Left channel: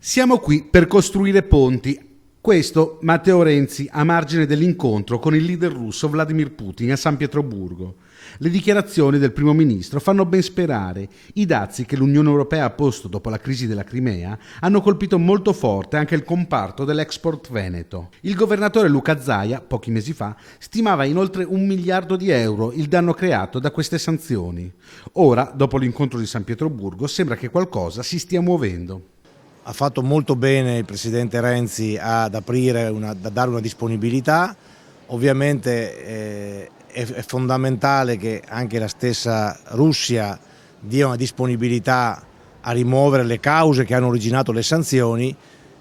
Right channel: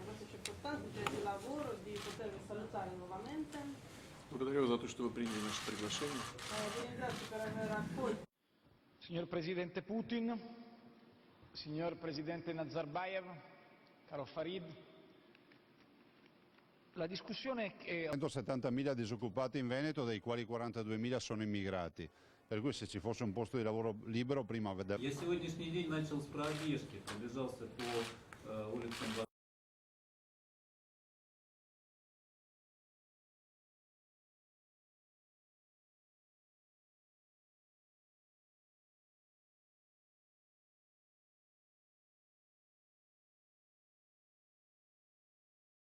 Siamo qui per costruire ponti. Questo Matteo Renzi a margine dell'incontro con il leader russo Vladimir Putin a San Pietroburgo. Le dichiarazioni del primo ministro fanno ben sperare. I dazi che l'Unione Europea ha posto dopo la crisi della Crimea hanno colpito molto forte anche il comparto dell'export veneto. Il governatore Luca Zaia, pochi mesi fa, stimava in oltre 1 miliardo di euro il danno creato da queste sanzioni. Ora, dopo l'incontro di San Pietroburgo, sembra che qualcosa si stia muovendo. Ha fatto molto bene il Presidente Renzi ad dare una disponibilità. Ovviamente è fondamentale che anche la stessa Russia dia una disponibilità a rimuovere le cause che hanno originato le sanzioni,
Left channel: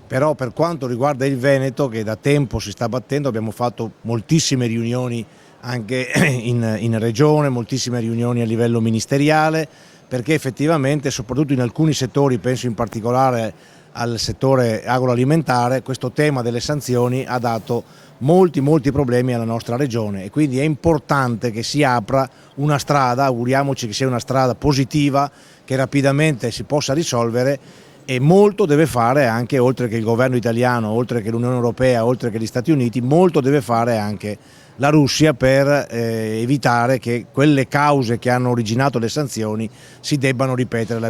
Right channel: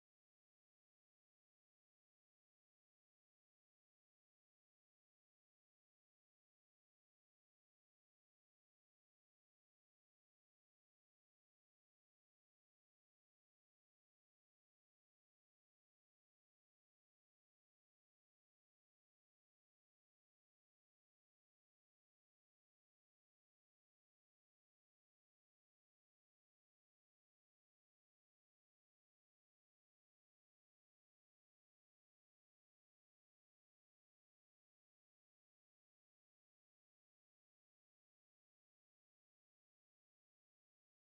però per quanto riguarda il Veneto, che da tempo si sta battendo, abbiamo fatto moltissime riunioni anche in regione, moltissime riunioni a livello ministeriale, perché effettivamente, soprattutto in alcuni settori, penso in particolare al settore agroalimentare, questo tema delle sanzioni ha dato molti problemi alla nostra regione e quindi è importante che si apra una strada, auguriamoci che sia una strada positiva, che rapidamente si possa risolvere, e molto deve fare anche, oltre che il governo italiano, oltre che l'Unione Europea, oltre che gli Stati Uniti, molto deve fare anche la Russia per evitare che quelle cause che hanno originato le sanzioni si debbano ripetere.